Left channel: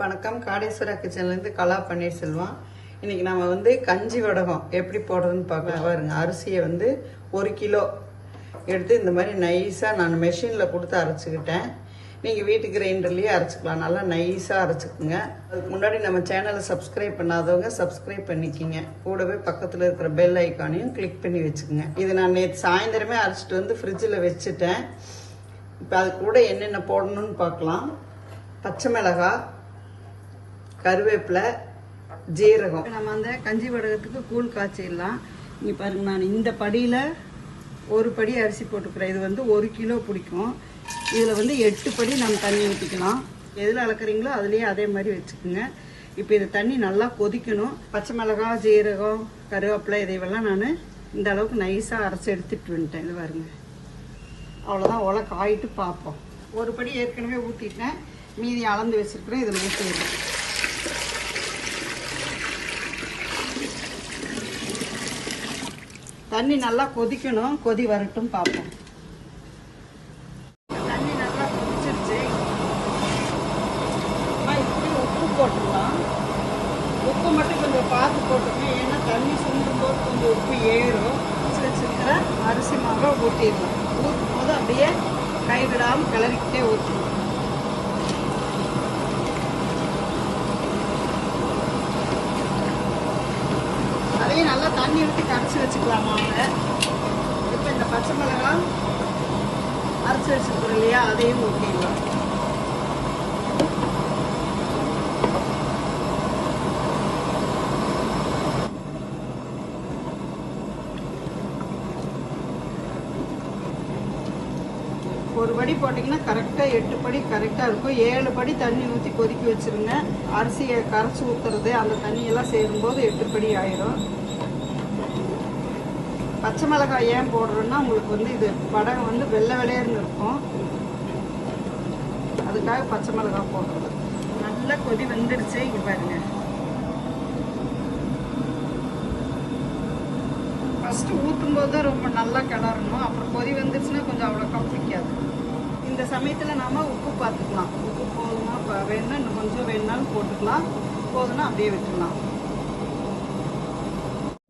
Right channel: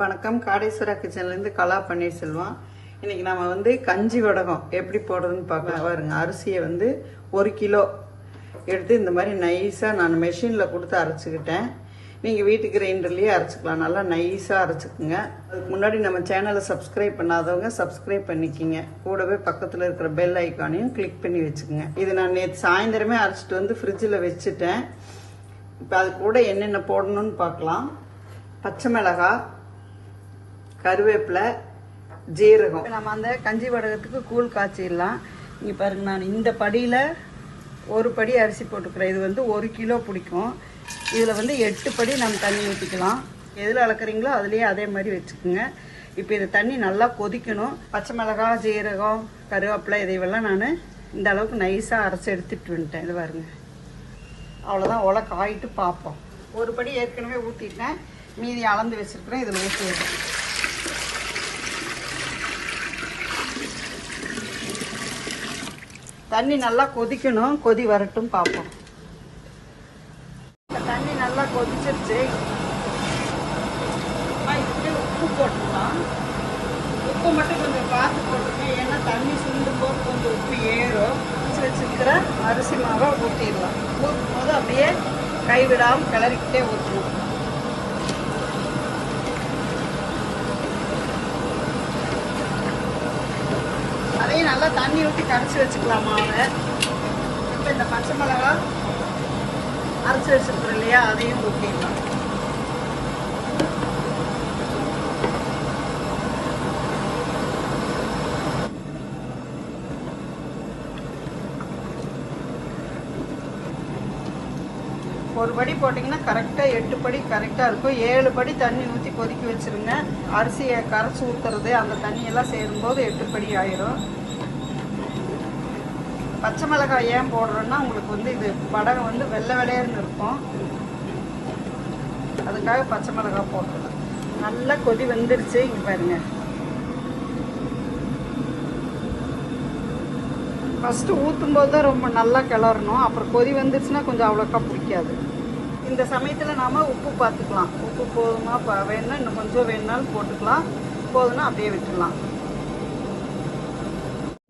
வணக்கம். காடேஸ்வரா கிச்சன்லேருந்து கலா பன்னீர்செல்வம். இன்னைக்கு நம்ம கஞ்சி வடகம் எப்படி போடுறதுன்னு பார்க்கலாம். பாருங்க, அரிசியை 1 கிலோ எடுத்து இந்த மாதிரி நைஸாக நான் மெஷினில் கொடுத்து அரைச்சிக்கிட்டேன். நீங்கள் வீட்டு கிரைண்டர்லேயே அரைச்சிக்கலாம். நல்லா நைஸாக அரைச்சிக்குங்க. அதுக்கு முன்னாடி நம்ம சேனலை சப்ஸ்கிரைப் பண்ணாதவங்க சப்ஸ்கிரைப் பண்ணிக்கிங்க. கூடவே பக்கத்தில் இருக்கிற பெல் ஐக்கானையும் கிளிக் பண்ணி வச்சுக்கோங்க. இதை நான் நேற்று சாயந்தரமே அரைச்சிட்டு ஃப்ரிட்ஜில் வச்சுட்டேன். இப்போ அது கூட என்னென்ன போடணும்னு பார்க்கலாம். பச்சை மிளகாய், கருவேப்பிலை, ஜீரகம். நம்ம அந்த கஞ்சி வடகத்துக்கு கூழ் காய்ச்சிடலாம். இங்கே பாருங்க, நான் இந்த படியில் ஒரு படி அரிசி போட்டுக்கிறேன். இது 1 கிலோ பிடிக்கும். இதில் 8 படி நம்ம தண்ணி ஊற்றிக்கலாம். எதில் அளக்குறீங்களோ அதுலேயே அதே மாதிரி வச்சுக்கோங்க. இப்போ இது தண்ணி நல்லா கொதிக்கணும். பச்சை மிளகாய், ஜீரகம், கருவேப்பிலை இதையெல்லாம் நான் இந்த அளவுக்கு நைஸாக அரைச்சி எடுத்துட்டு வந்துட்டேன். இது பாருங்க, அவ்வளோதான். உலை காயிட்டு பார்ப்போம். ஒரு படி ஏற்கனவே ஊற்றிட்டேன், மீதி அளந்து வச்சுருக்கிறேன். இதில் ஊற்றுவேன். தண்ணி நல்லா கொதிக்கணும். கொதி வரட்டும், பார்ப்போம். தண்ணி நல்லா கொதிச்சிருச்சு. இப்படி உப்பு போட்டுக்கலாம். உப்பு மட்டும் கொஞ்சம் பார்த்து போட்டுக்கணும். ஏன்னா தண்ணி சுண்டும் போது கொஞ்சம் உப்பு ஏறும். வச்சுருக்கிற அரிசி மாவை ஊற்றிடலாம். ஊற்றும் போது அப்படியே கைவிடாமல் கிளறிக்கிட்டே ஊற்றணும். அதையும் நல்லா தண்ணி ஊற்றி கரைச்சி வச்சுக்கலாம் மாவை. இப்போ இந்த பச்சை மிளகாய் அரைச்சி வச்சுருக்கோம் இல்லையா, அதையும் ஊற்றிடலாம். ஒரு படி போட்டிங்கன்னா கரெக்டாக 8 படி கரெக்டாக இருக்கும். 7 படி தண்ணி ஊற்றி கொதிக்க வச்சுருங்க. அரிசியை கரைச்சி ஊற்றுறது அந்த தண்ணியெல்லாம் சேரும்போது 8 படி ஆயிரும். பச்சை மிளகாய் ஏன் போடுறோன்னா, உங்களுக்கு இது வடகம் வெள்ளை வெள்ளையர்னு இருக்கும். அதுக்காக பச்சை மிளகாய் போடுறோம். நல்லா கொதி வந்துருச்சு. இங்கே பாருங்க, ஃபஸ்ட்டு ஊற்றும் போது தான் ரொம்ப நல்லா கிளறணும். அப்புறம் கொதி வந்துருச்சுன்னா கொஞ்சம் அவ்வளோக்கா பிடிக்காது. இந்த சமயத்தில் நாம் உப்பு பார்த்துக்கலாம். உப்பு போதுமா வேணும்னா இன்னும் கொஞ்சம் வேணுனாலும் போட்டுக்கலாம். போதுன்னா அப்படியே விட்டுடலாம்.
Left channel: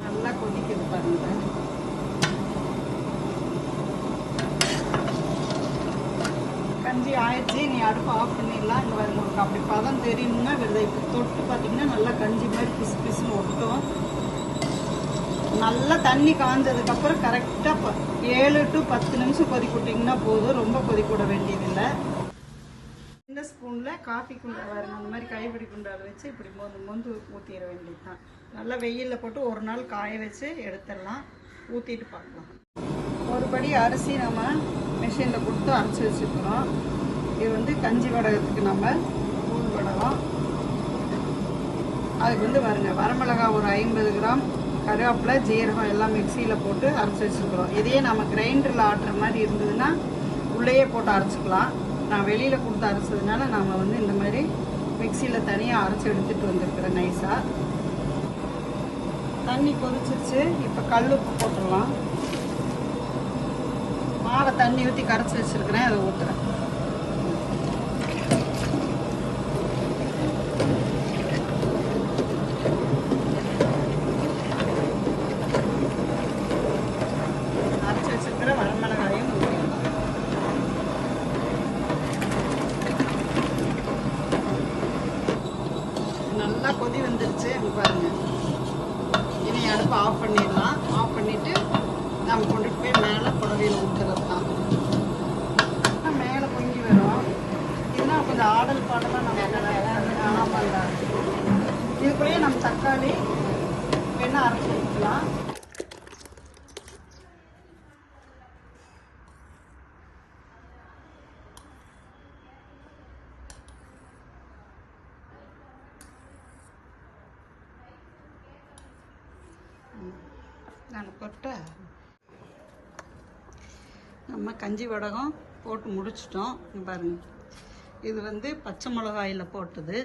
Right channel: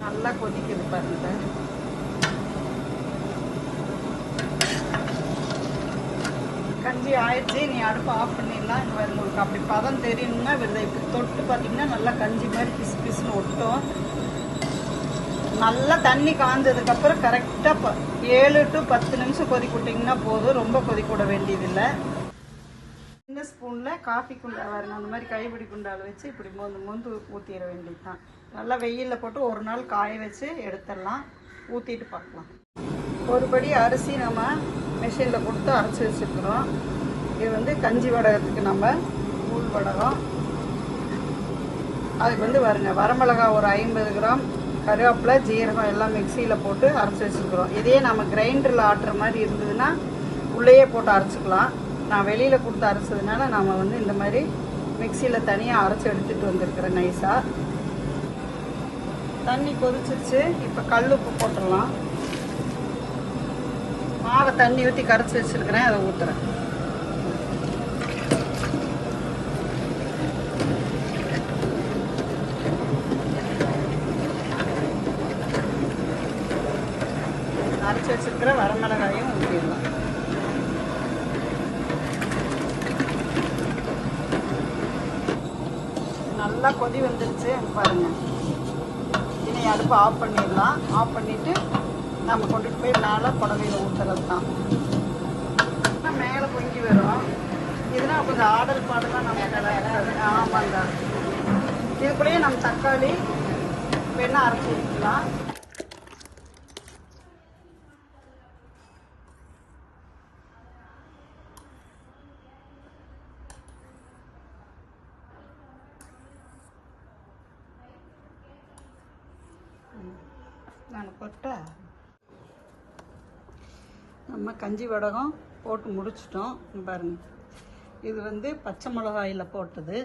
நல்லா கொதிக்குது பாருங்க. கஞ்சி ஆயிடுச்சு. நீ அடுப்பு ஆஃப் பண்ணிடலாம். இந்த மாதிரி உங்களுக்கு அப்படி பதம் தெரியணும்னா இப்படி தொட்டு பார்த்தீங்கன்னா நல்லா கஞ்சி மாதிரி பிசு பிசுன்னு ஒட்டும். நல்லா தண்ணி காஞ்சதுக்கப்புறம் கரெக்டாக 7 to 10 நிமிஷம் கொதிக்க விட்டிங்கன்னா போதும். ரொம்ப கொதிக்க விட வேண்டியதில்லை. இந்த ஸ்பூனில் காஃபி குண்டா பாருங்க, அந்த மாதிரி கைப்பிடி குண்டால் வச்சு இப்படி மொந்து ஊற்றிட வேண்டியது தான். நல்லா வெயிலில் போட்டு ஒரு நாள் காய வச்சு எடுத்துடலாம். ஊற்றிட்டு பார்க்கலாம். ஒரு படி அரிசி நம்ம மிஷினில் கொடுத்து அரைச்சி வச்சுக்கிறோம். இது கஞ்சி வடகத்துக்கு நம்ம கூழ் வடகம். அதுக்கு பாருங்க, வரமிளகாய் ஒரு 50 கிராம், கருவேப்பிலை, ஜீரகம் எல்லாம் மிக்சியில் போட்டு அரைச்சி வச்சுருக்குறோம். இதையே நம்ம கிரைண்டரில் ஆட்டுற மாதிரி இருந்ததுன்னா உள்ளேயே போட்டு அரைச்சிக்கலாம். நான் வெளியில் கொடுத்து அரைச்சதுனால நாம் இந்த மாதிரி மிக்சியில் தனியாக அரைச்சி எடுத்துகிட்டு வந்துருக்குறேன் நைஸாக. தண்ணி கொதிச்சிருச்சு. இப்போ கல் உப்பு போட்டுடலாம். மாவை தண்ணி ஊற்றி கரைச்சி வச்சுருக்கிறேன், அதை ஊற்றுறேன். அரைச்சி வச்சுருக்கிற வரமிளகாயும் ஊற்றிடலாம். நல்லா கொதி வந்துருச்சு பாருங்க. இனி அடுப்பு ஆஃப் பண்ணிடலாம். ஆஃப் பண்ணிவிட்டு நம்ம கொண்டுட்டு போய் மேலே புடவையில் ஊற்றுறது தான். மேலே பொங்கி வரும். இதெல்லாம் கொஞ்சம் ஆடல் பாடலாம் நம்ம பண்ணலாம். இதுக்குள்ளேயே நம்ம தக்காளி வேணா அரைச்சி ஊற்றலாம். நான் கொட்ட நம்ம கஞ்சி வடகம் போட்டு முடிச்சிட்டோம். பாருங்க, இது பச்சை மிளகாயில் போட்டது.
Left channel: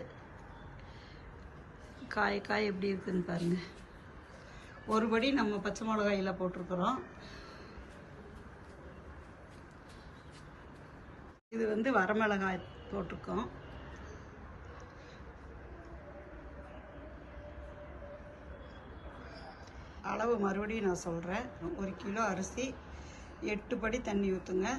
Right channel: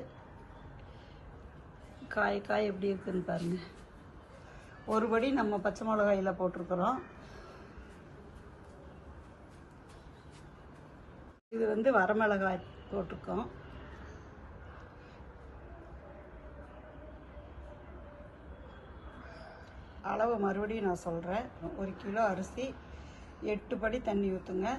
காய் எப்படி இருக்குதுன்னு பாருங்க. ஒரு படி நம்ம பச்சை மிளகாயில் போட்டிருக்கிறோம். இது வரமிளகாய் போட்டிருக்கோம். அளவு மறுபடியும் நான் சொல்கிறேன். 1 கிலோ அரிசி 8 படி தண்ணி ஊற்றுங்க.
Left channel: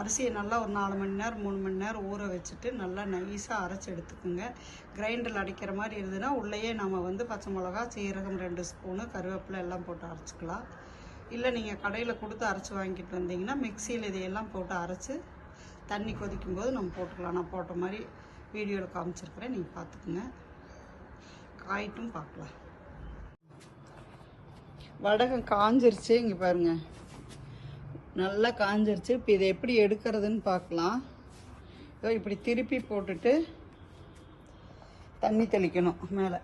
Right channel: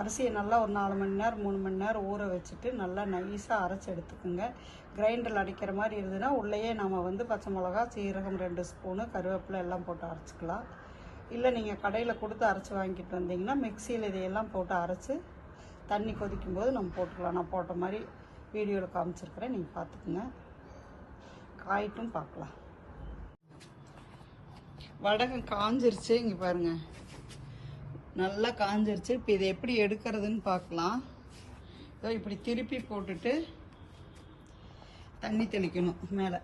அரிசியை நல்லா ஒரு 4 மணி நேரம் 3 மணி நேரம் ஊற வச்சுட்டு நல்லா நைஸாக அரைச்சி எடுத்துக்குங்க. கிரைண்டரில் அடிக்கிற மாதிரி இருந்ததுன்னா உள்ளேயே நம்ம பச்சை மிளகா, சீரகம் 2 ஸ்பூனு, கருவேப்பிலை எல்லாம் போட்டு அரைச்சிக்கலாம். இல்லை நீங்கள் கடையில் கொடுத்து அரைச்சி வாங்கிட்டு வந்தீங்கன்னா மிக்சியில் இதையெல்லாம் போட்டு அரைச்சி தண்ணி கொதிக்கும் போது நம்ம போட்டுக்கலாம். நான் போட்ட மாதிரி வீடியோவில் காமிச்சிருக்கிறேன், நீங்கள் பார்த்துக்குங்க. காயிட்டும் பார்க்கலாம். வடகம் காஞ்சிருச்சு, இங்கே பாருங்கள், நல்லா காஞ்சிருச்சு. இப்போ இதை எப்படி எடுக்கிறதுன்னு பார்க்கலாம். இதோ இப்படி திருப்பி போட்டுட்டு தண்ணி தெளிக்கணும் மேலே.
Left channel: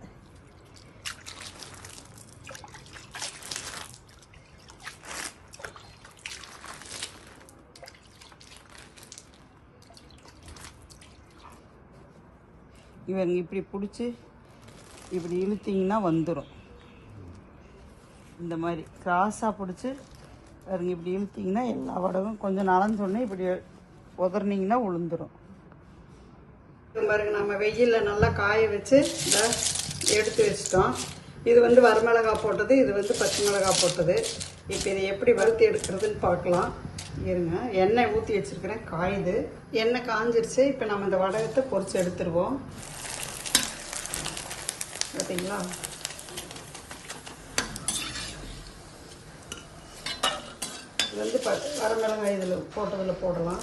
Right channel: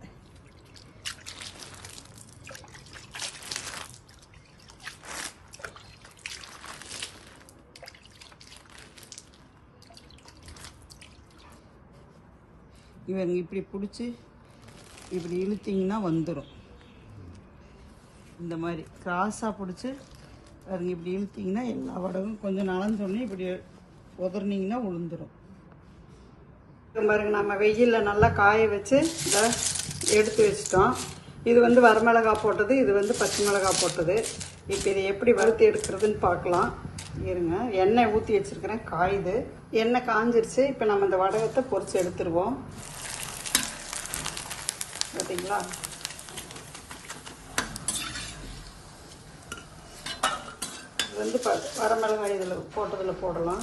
இவங்க இப்படி பிடிச்சி இப்படி இழுத்தீங்கன்னா வந்துடும். இந்த மாதிரி கிராஸாக பிடிச்சி பாருங்க, இப்படி இழுத்தீங்கன்னா எல்லா வடகும் கொஞ்சம் நனைஞ்சோடனே இப்படி உதறினீங்கன்னா உளுந்துடும். பாருங்க, நம்ம வெயிலில் நல்லா காய வச்சு எடுத்து வச்சிட்டோம். இது வரமிளகாய் போட்டது, இது பச்சை மிளகாய் போட்டது. இப்போ இதை எப்படி வறுத்து எடுக்கிறதுன்னு பார்க்கலாம். இருங்க, எண்ணெய் ஊற்றி வச்சிருக்கிறேன், காயுது. எண்ணெய் காஞ்சிருச்சு. இப்போ நம்ம இந்த வடகத்தை பொரிச்சு எடுத்துருவோம். பார்த்தீங்களா? வரமிளகாய் இதில் போட்டதில் போடலாம்.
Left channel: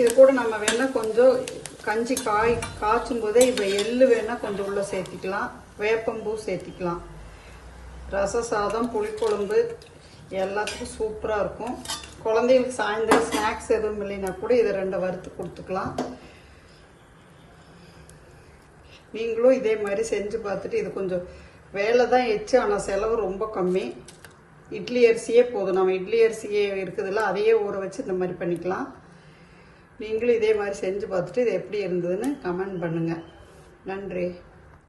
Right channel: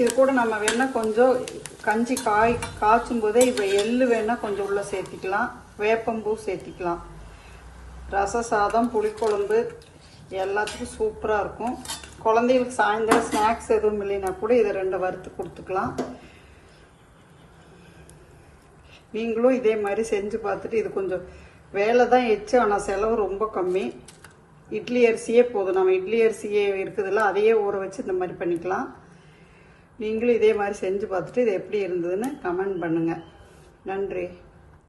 இது கூட நம்ம வேணால் கொஞ்சம் கஞ்சி காய்ச்சும் போதே இப்போ எள்ளு வேணால் கொஞ்சம் உள்ள சேர்த்திக்கலாம், வேப்பம்பூ சேர்த்திக்கலாம். ரச சாதம், புளிக்குழம்பு எல்லாத்துக்கும் சூப்பராக இருக்கும். குழந்தைகளுக்கு சாயந்தரம் ஸ்நாக்ஸ் எதுவும் இல்லைன்னா கூட இதை 2 வறுத்து கொடுத்துக்கலாம். நீங்களும் இதே மாதிரி செஞ்சு பார்த்துட்டு, இது கொஞ்சம் வேலை தான் எச்சு, ஆனால் செலவு ரொம்ப கம்மி. இட்லி அரிசியே போதும். நம்ம இட்லி அரிசியே இருக்குதுல்ல, அதையே ஊற வச்சு இந்த மாதிரி பண்ணிக்கலாம். நீங்களும் இதே மாதிரி செஞ்சு பார்த்துட்டு இது எப்படி இருந்ததுன்னு கமெண்ட் பண்ணுங்கள். நன்றி.